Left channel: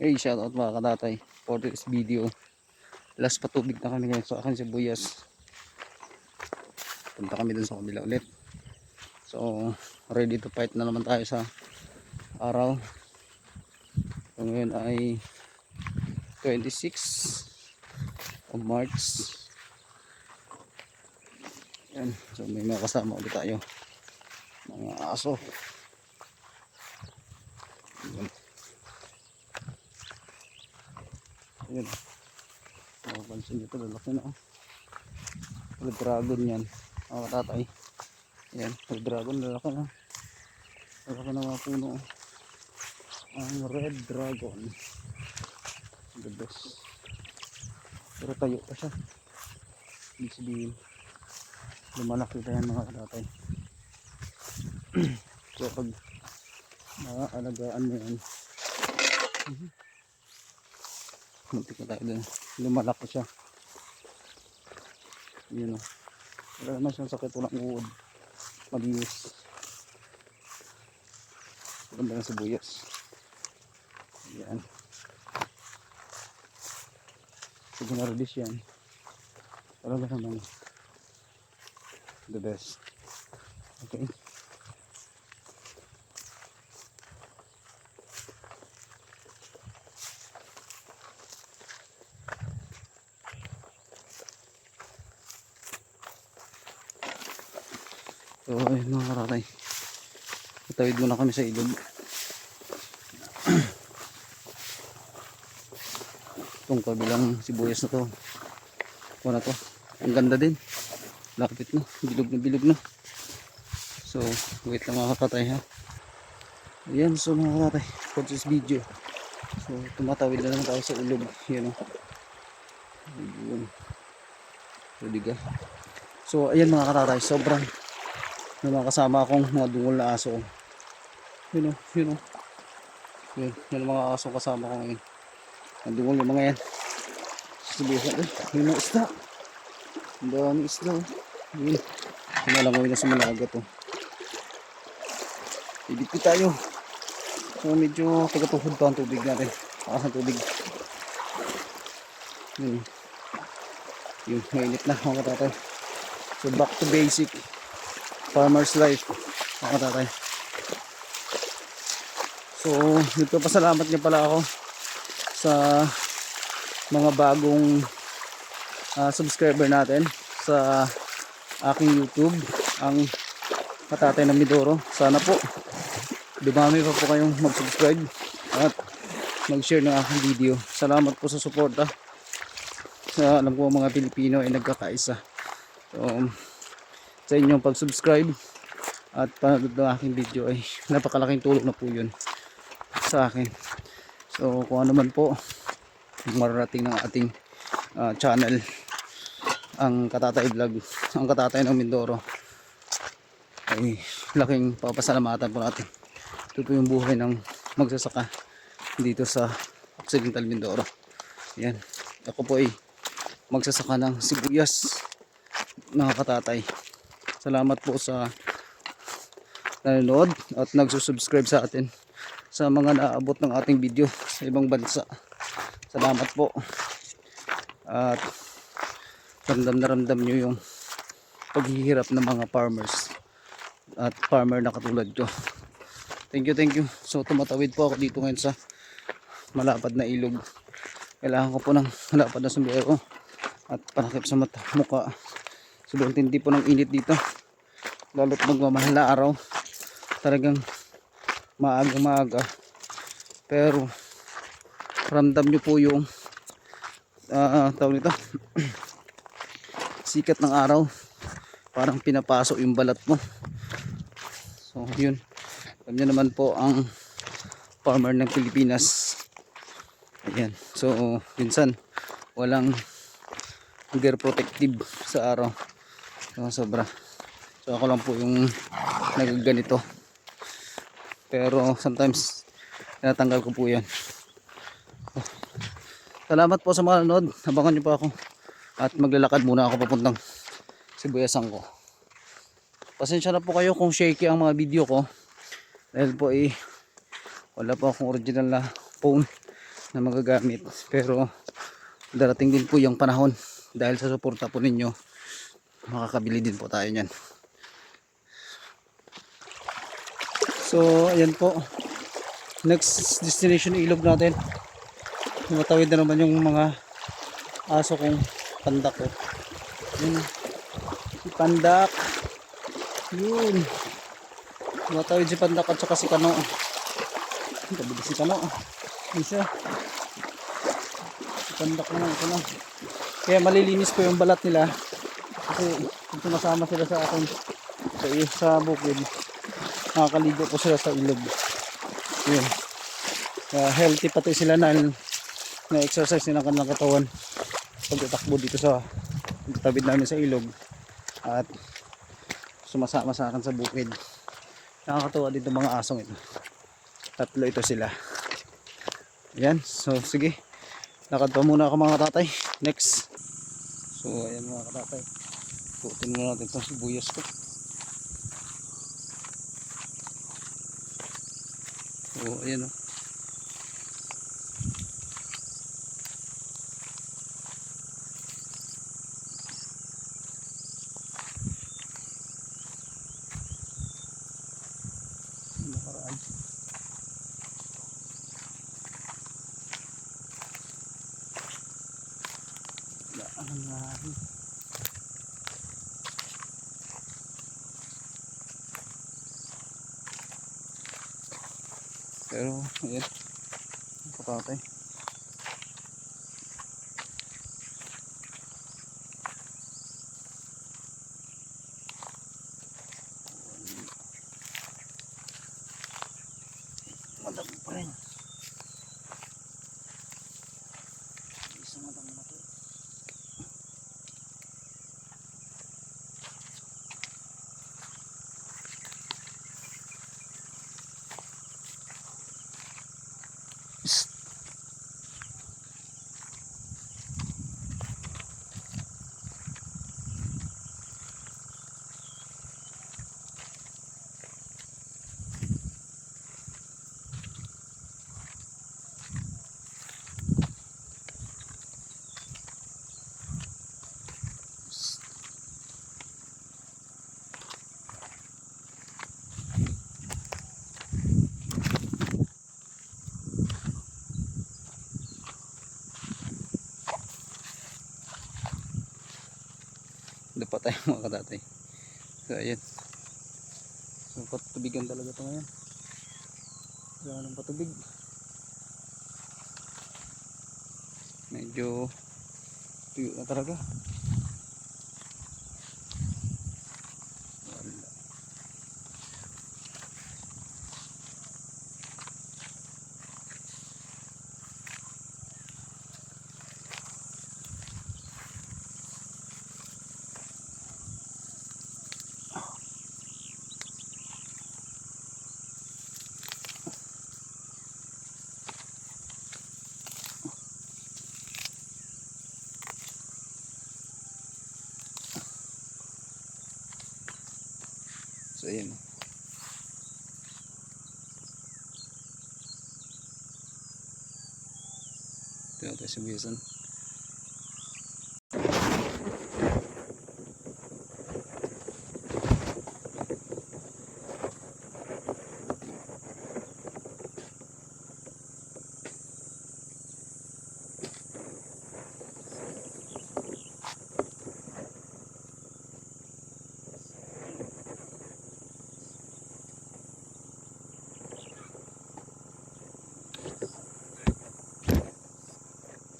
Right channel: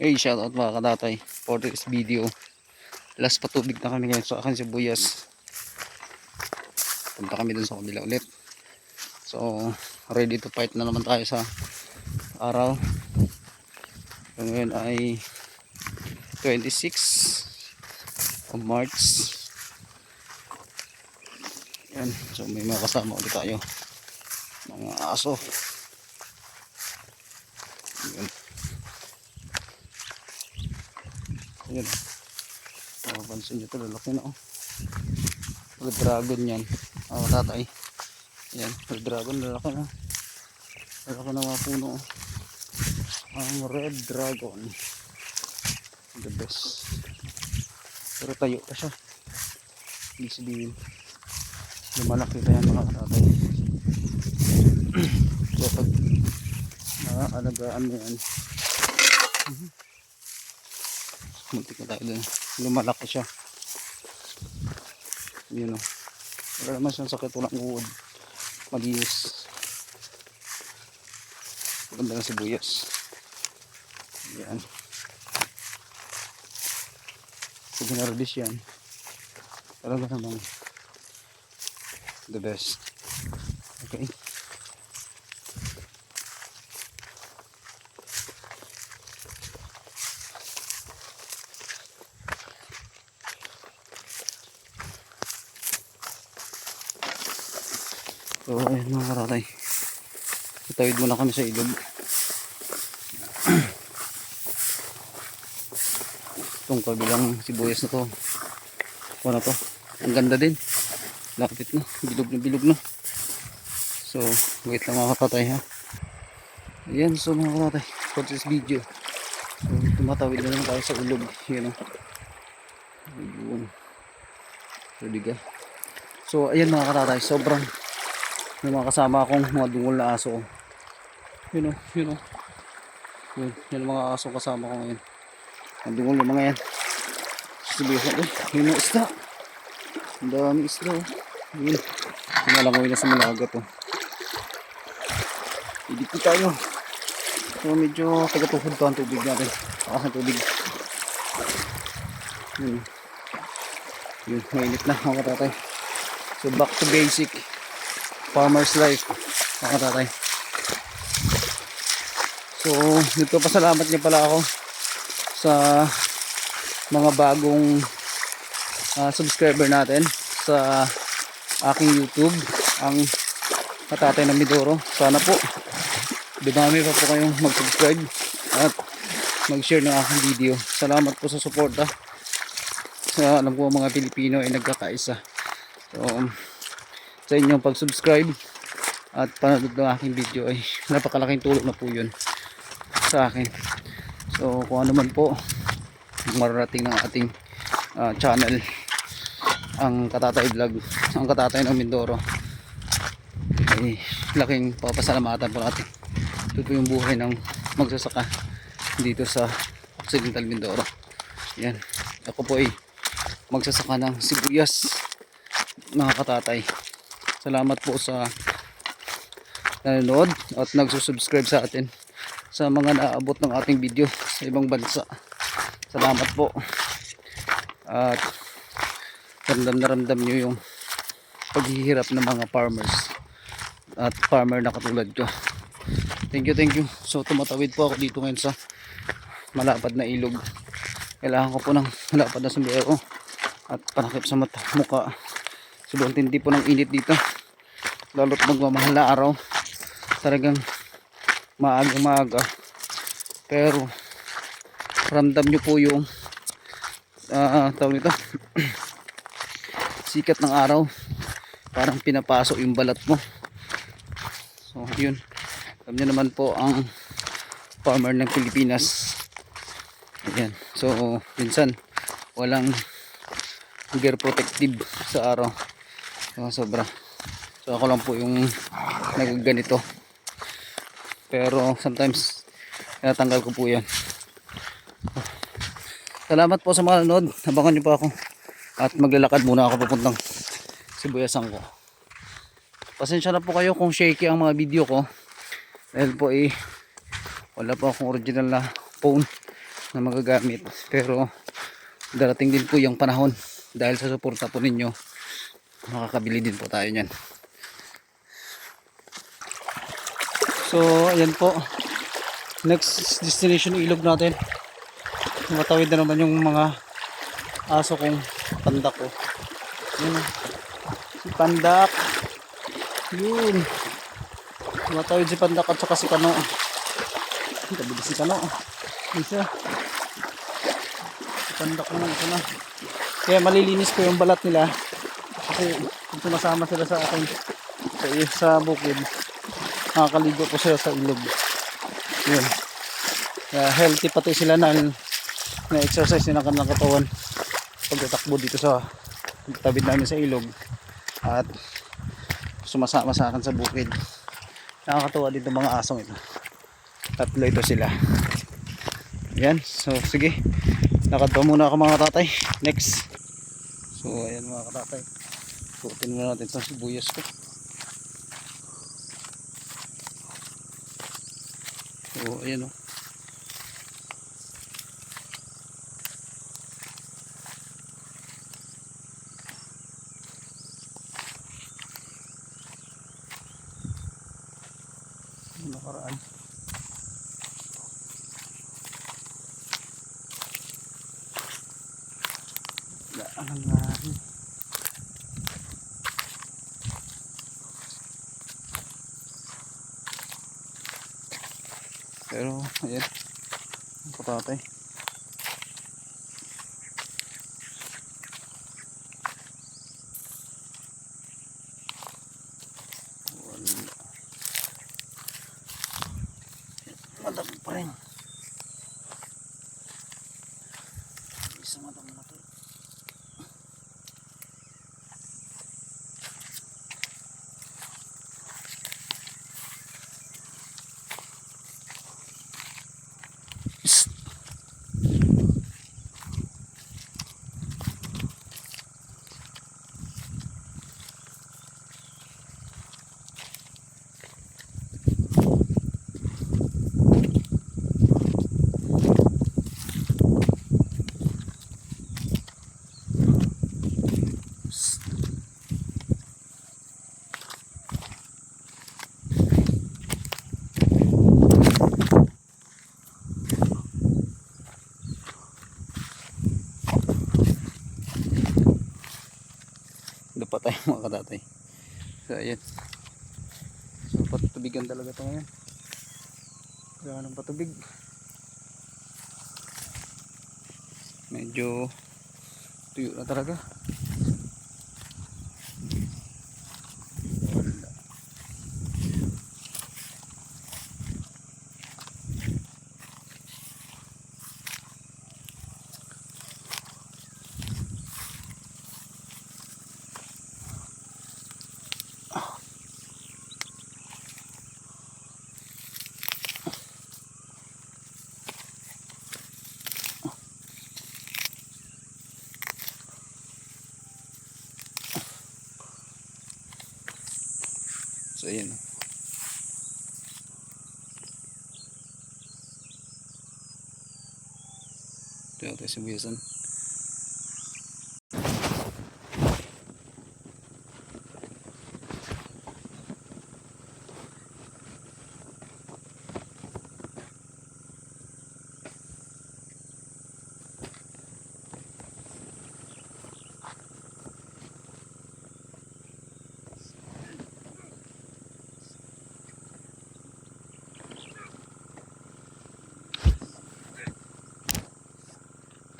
Hey, shoutout mga katatay for this video. Last patubig na kami ngayon sa akin sibuyas. Punta kami dun sa kabila ulit. So ready to fight na naman tayo sa araw. So, ngayon ay 26 of March. Yan. So may mga kasama ulit tayo, mga aso. Yan. Yan. Mapapansin nyo ito, lalaki na red dragon yan mga katatay. Yan, red dragon, lalaki na mga puno. Ang red dragon, the best. Pero tayo pa siya, hindi sabihin lumalaki pa yan mga katatay. Kaya pag naaalagaan mo yan, muntik na tayo dun, lumalaki siya. Yun o, wala naman siyang sakit, walang uod, malinis. Ganda na sibuyas. Yan, pag ginardis yan talaga namang the best. Okay, so ayun mga karatay, itawid muna kami sa ilog. Itong kabilang sibuyas na to, ano to, ang ganda din, lapit na, bilog na. So wait lang mga katatay ha. Ayan, so mga katatay, for this video, so tumatawid na naman tayo sa ilog. Yan o, ayun, ready ka. So ayan mga katatay, sobrang may mga kasama akong mga dungol na aso. Yun o, yun ang mga aso kasama ko ngayon. Ang dungol yung mga yan. Sibuyas na ito, yun ang isda, ang dami isda o. Yun, pinalangoy na sa mga agat o. Idipit tayo. So medyo taga-tuhod pa ang tubig natin, takas ng tubig. Yun, mainit na mga katatay. So back to basic farmer's life mga katatay. So nagpapasalamat niya pala ako sa mga bagong subscriber natin sa aking YouTube, ang Katatay ng Mindoro. Sana po dumami pa po kayong mag-subscribe at mag-share ng aking video. Salamat po sa suporta. Alam ko mga Pilipino ay nagkakaisa. So sa inyong pag-subscribe at panood ng aking video ay napakalaking tulong na po yun sa akin. So kung ano man po mararating ng ating channel, ang Katatay Vlog, ang Katatay ng Mindoro, ay laking papasalamatan po natin. Ito po yung buhay ng magsasaka dito sa Occidental Mindoro. Yan, ako po ay magsasaka ng sibuyas mga katatay. Salamat po sa nanonood at nagsusubscribe sa atin, sa mga naabot ng ating video sa ibang bansa. Salamat po. At ramdam na ramdam nyo yung paghihirap ng mga farmers at farmer na katulad ko. Thank you. So tumatawid po ako dito ngayon sa malapad na ilog. Kailangan ko po ng malapad na sombrero at panakip sa mata, muka. Sobrang tindi po ng init dito, lalo't magmamahal na araw. Talagang maaga, pero ramdam nyo po yung tawag nito sikat ng araw, parang pinapasok yung balat mo. So yun, alam nyo naman po ang farmer ng Pilipinas. Ayan, so minsan walang gear protective sa araw, sobra. So ako lang po yung nagaganito, pero sometimes natanggal ko po yan. Salamat po sa mga nanood. Abangan nyo pa ako at maglalakad muna ako papuntang sibuyasan ko. Pasensya na po kayo kung shaky ang mga video ko, dahil po wala po akong original na phone na magagamit, pero darating din po yung panahon dahil sa suporta po ninyo, makakabili din po tayo niyan. So ayan po, next destination ilog natin. Matawid na naman yung mga aso kong pandak ko. Yun, si pandak yun, matawid si pandak at saka si kano. Kabili si kano isa, si pandak naman ito na. Kaya malilinis ko yung balat nila kasi kung sumasama sila sa akin sa bukid, nakakaligo po sila sa ilog. Yun, healthy pati sila na exercise ng kanilang katawan pagtatakbo dito sa tabid namin sa ilog at sumasama sa akin sa bukid. Nakakatuwa dito mga asong ito, tatlo ito sila. Yan, so sige, lakad pa muna ako mga tatay. Next, so ayan mga katatay, suotin muna natin itong sibuyas ko. So ayan o, nakaraan. Daan nga. Pero ayan, ang katatay. Madami pa rin. Isa madami na to. Doon pa tayo mga katatay. So ayan, so patutubigan talaga ito ngayon. Kaya ng patubig, medyo tuyo na talaga. So ayan, ito tayo sibuyasan.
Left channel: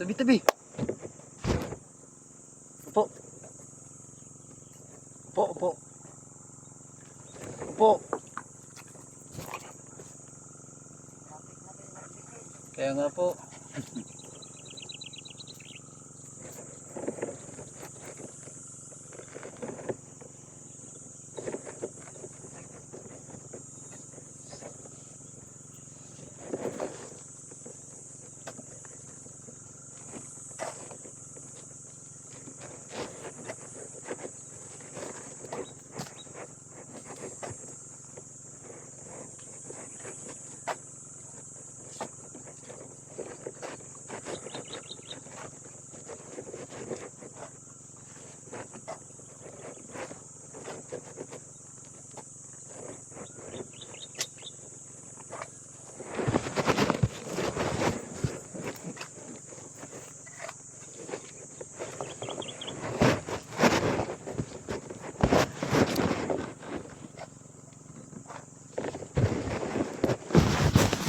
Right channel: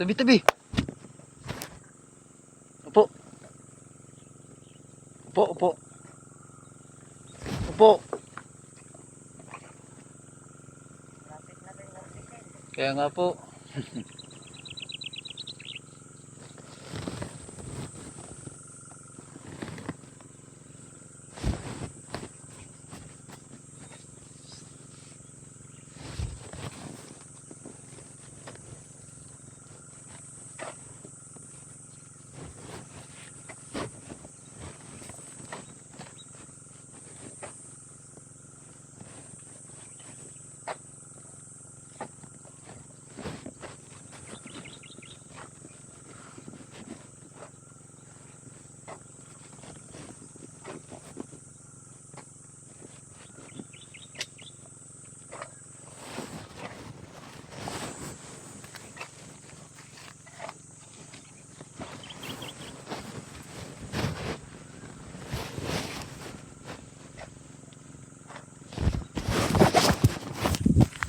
Tabi-tabi. Upo. Upo, upo. Upo. Kaya nga po.